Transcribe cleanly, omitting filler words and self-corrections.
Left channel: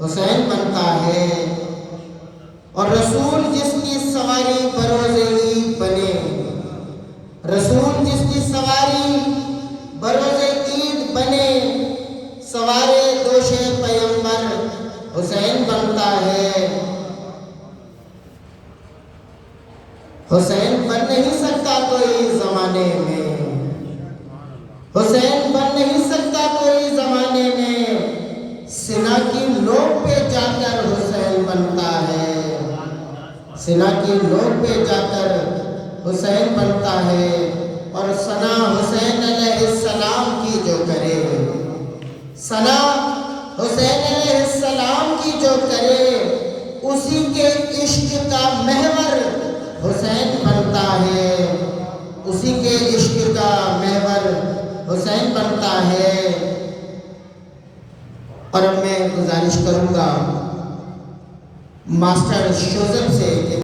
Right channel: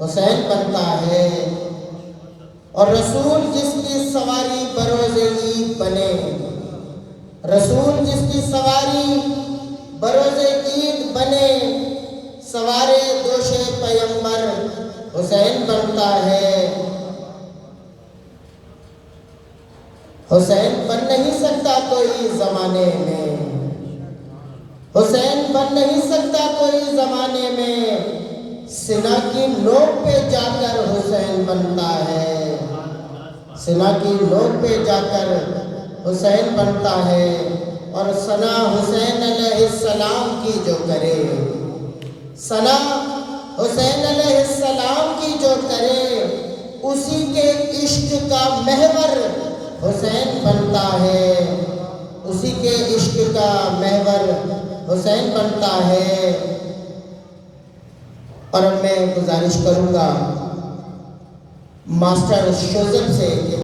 حسین بنتا ہے، اور رسول جس کی سواری بروز عید بنے، رسول جس کی سواری بروز عید بنے، سوارے دوش پیمبر حسین بنتا ہے۔ حسین بن نہیں سکتا کوئی زمانے میں، حسین بن نہیں سکتا کوئی زمانے میں، سنا کی نوک پہ جا کر حسین بنتا ہے، سنا کی نوک پہ جا کر حسین بنتا ہے۔ اور ثنا حسین علیہ السلام کی جو کرے، ثنا حسین علیہ السلام کی جو کرے، اسی کے عشق کا محور حسین بنتا ہے، اسی کے عشق کا محور حسین بنتا ہے۔ اور میں گزارش کروں گا ماسٹر شوزب سے